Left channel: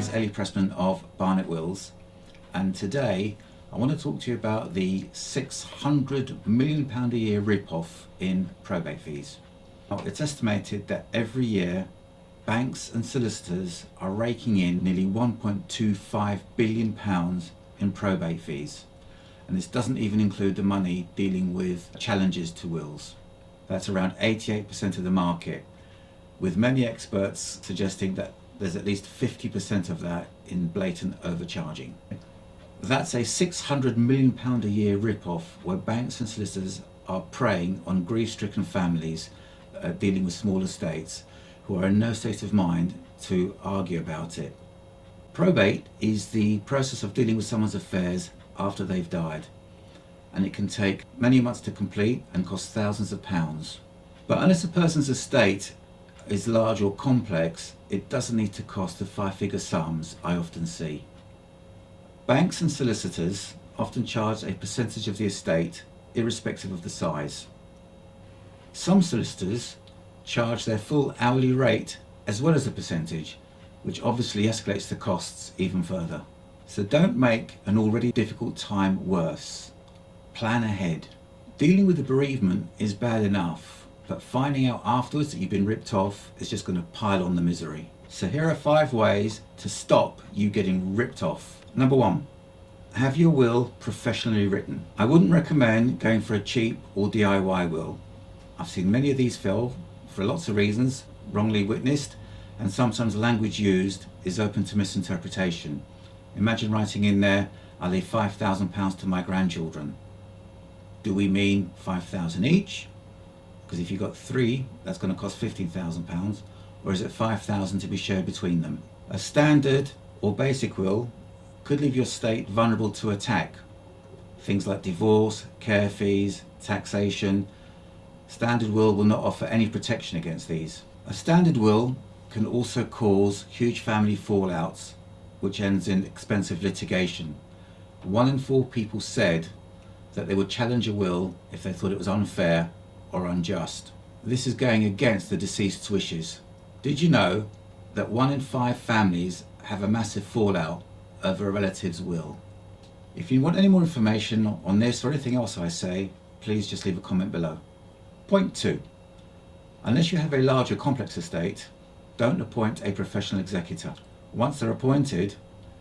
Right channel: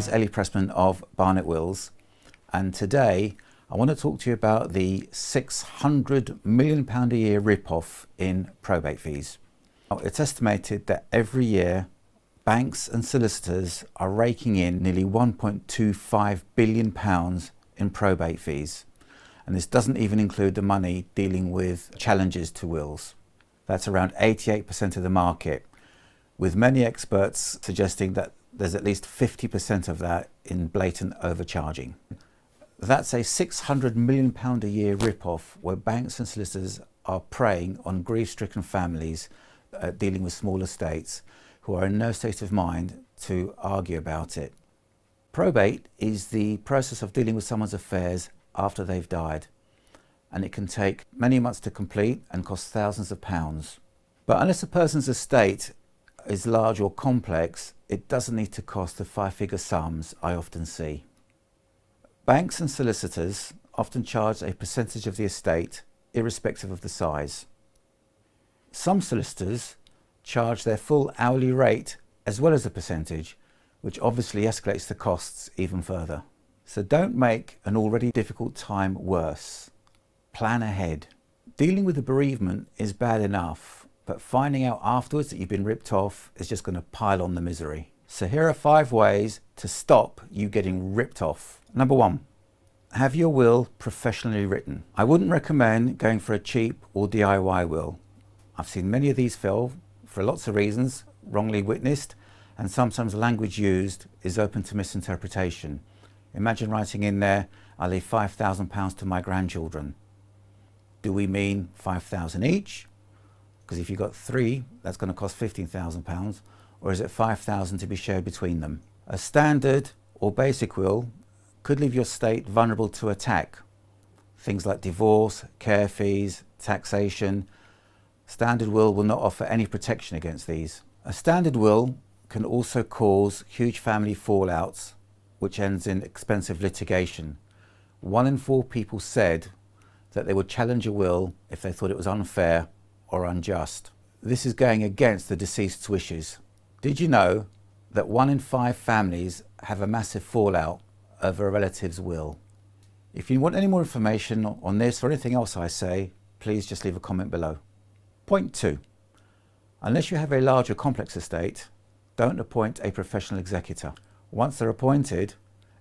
is Ellie Pressman of Barnet Wills, and today I want to talk to you about the £600 million a year rip-off in probate fees. Now, it's estimated that every year banks and solicitors are raking in nearly £1.25 billion in probate fees, and this doesn't even include the money dealing with challenges to wills. That's around 88% of the market, with many experts suggesting that there's at least 50% of that in blatant overcharging. That's a £600 million a year rip-off where banks and solicitors are preying on grief-stricken families dealing with small estates who are in no state of mind to argue about it. Probate is the process of dealing with someone's affairs after they've died, and it can take many months to complete and cost thousands of pounds. But unless a person's estate is large or complex, it doesn't need to cost the five-figure sums I often see. Banks and solicitors often charge a percentage of the estate, irrespective of the size. Some solicitors charge their full hourly rate as well as a percentage, which obviously escalates the costs even further. So don't make an already difficult time worse. Plan ahead. Dealing with the bereavement is bad enough, but finding out afterwards that you've been ripped off is just going to pile on the misery. So here are 5 ways to stop you getting ripped off. Number 1, have your will professionally written. I wouldn't recommend going for a cheap or DIY will. I've seen many of these fail for lots of reasons, wrongly witnessed, and sometimes language used is open to misinterpretation. Imagine writing in there, I leave £5,000 to my grandchildren. Do we mean 5,000 each? Because if you've got 3, that's going to cost £15,000, or is it 5,000 to be shared between them? A standard or basic will could leave your estate vulnerable to attack. Things like divorce, care fees, taxation. Standard will not offer any protection against these. A standard will can also cause huge family fallouts, which ends in expensive litigation. 1 in 4 people said that they would challenge a will if they thought it was unfair or unjust. This is going against the deceased's wishes. Did you know that 1 in 5 families have a massive fallout over a relative's will? If you want any more information on this or anything else I say, please just leave a comment below. Point 2. Unless you have a large or complex estate, don't appoint a professional executor. Once they're appointed,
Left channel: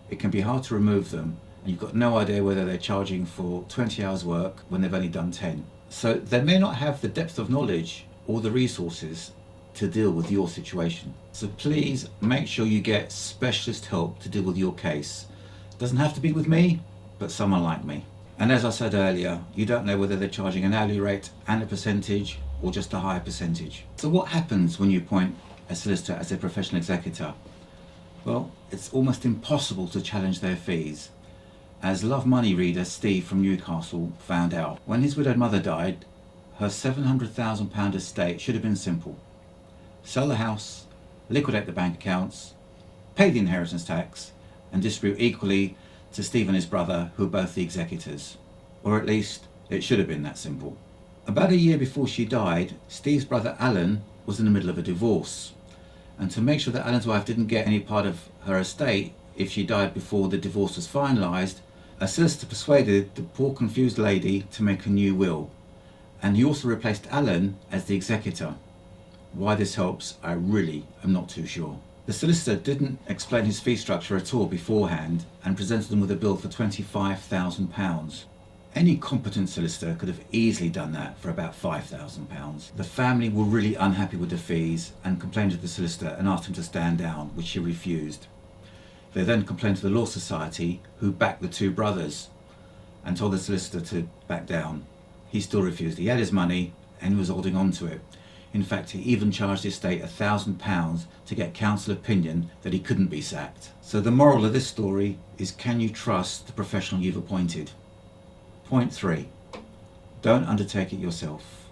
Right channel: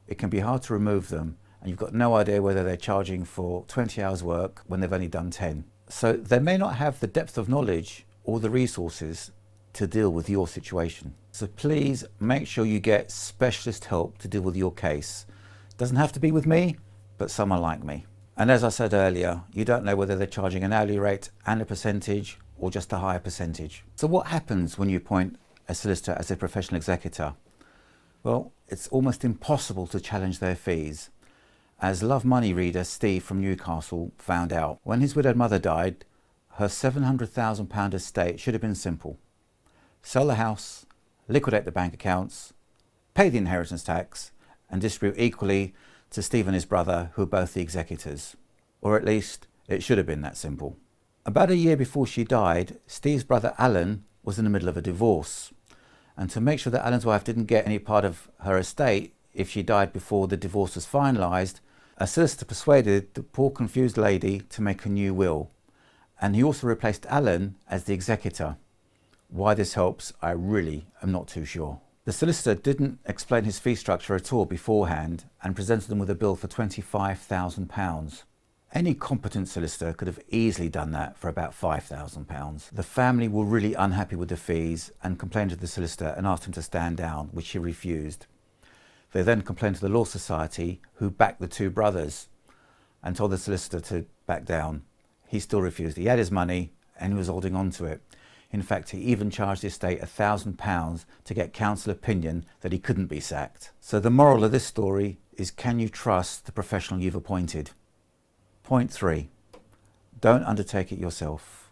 it can be hard to remove them, and you've got no idea whether they're charging for 20 hours work when they've only done 10. So they may not have the depth of knowledge or the resources to deal with your situation. So please make sure you get specialist help to deal with your case. Doesn't have to be with me, but someone like me. And as I said earlier, you don't know whether they're charging an hourly rate and a percentage or just a higher percentage. So what happens when you appoint a solicitor as a professional executor? Well, it's almost impossible to challenge their fees. As Love Money reader Steve from Newcastle found out, when his widowed mother died, her £700,000 estate should have been simple. Sell the house, liquidate the bank accounts, pay the inheritance tax, and distribute equally to Steve and his brother, who are both the executors. Or at least, it should have been that simple. About a year before she died, Steve's brother Alan was in the middle of a divorce. And to make sure that Alan's wife didn't get any part of her estate if she died before the divorce was finalised, a solicitor persuaded the poor confused lady to make a new will. And he also replaced Alan as the executor. Why this helps, I really am not too sure. The solicitor didn't explain his fee structure at all beforehand and presented them with a bill for £25,000. Any competent solicitor could have easily done that for about £5,000. The family were really unhappy with the fees and complained to the solicitor and asked him to stand down, which he refused. They then complained to the Law Society, who backed the 2 brothers, and told the solicitor to back down. He still refused. He had his money and he was holding on to it. In fact, he even charged the estate £1,000 to get council opinion that he couldn't be sacked. So the moral of this story is, can you trust the professional you've appointed? Point 3. Don't undertake it yourself.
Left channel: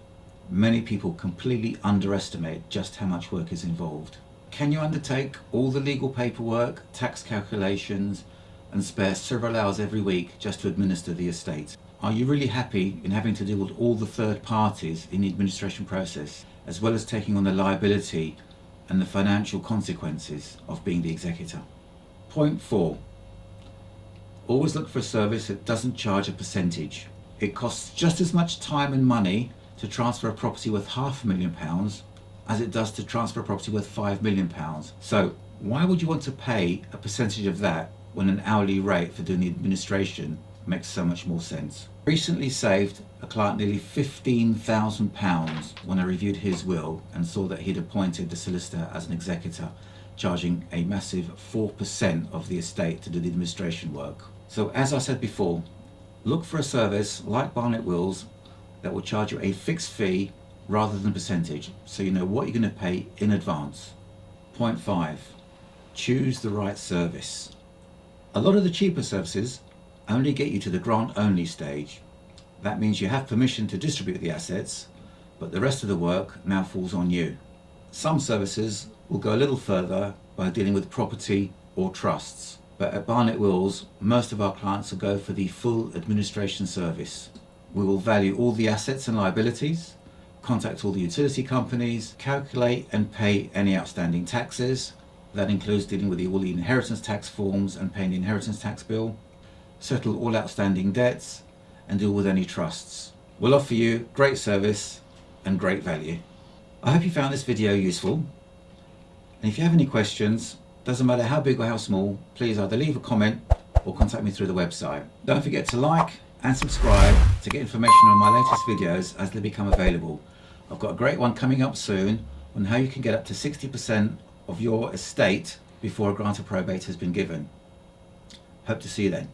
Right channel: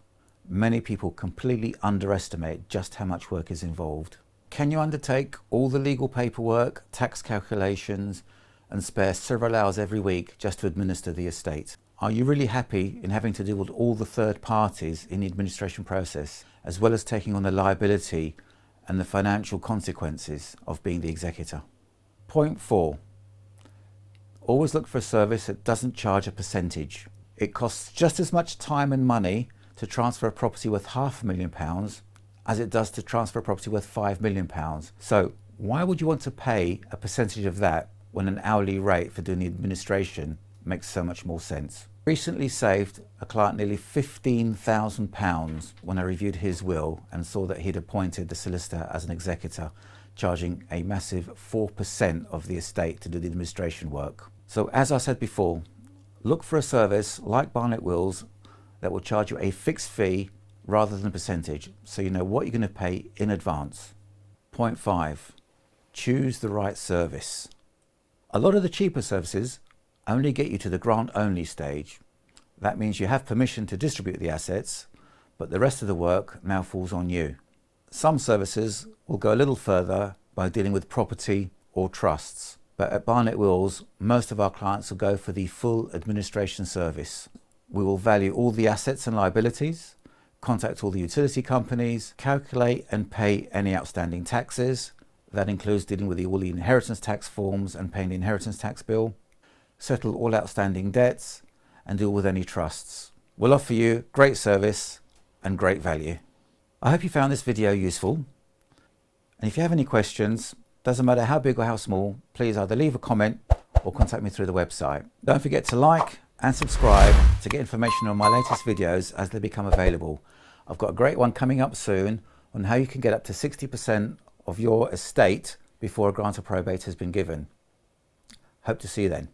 Many people completely underestimate just how much work is involved. Can you undertake all the legal paperwork, tax calculations, and spare several hours every week just to administer the estate? Are you really happy in having to deal with all the third parties in the administration process, as well as taking on the liability and the financial consequences of being the executor? Point 4. Always look for a service that doesn't charge a percentage. It costs just as much time and money to transfer a property worth £500,000 as it does to transfer a property worth £5 million. So why would you want to pay a percentage of that when an hourly rate for doing the administration makes so much more sense? Recently saved a client nearly £15,000 when I reviewed his will and saw that he'd appointed the solicitor as an executor, charging a massive 4% of the estate to do the administration work. So as I said before, look for a service like Barnet Wills that will charge you a fixed fee rather than a percentage, so you know what you're going to pay in advance. Point 5. Choose the right service. A lot of the cheaper services only get you to the grant only stage. That means you have permission to distribute the assets, but the rest of the work now falls on you. Some services will go a little further by dealing with property or trusts, but at Barnet Wills most of our clients will go for the full administration service. We will value all the assets and liabilities, contact all the utility companies, calculate and pay any outstanding taxes. That includes dealing with all the inheritance tax forms and paying the inheritance tax bill, settle all outstanding debts, and deal with any trusts. We'll offer you great service and great value. I hope you found this video useful, and if you have any questions, doesn't matter how big or how small, please either leave a comment or contact me through the website. Don't forget to like and subscribe to get information on my latest videos as they become available. I've got a great one coming up soon on how you can get up to 60% of your estate before a grant of probate has been given. Hope to see you then.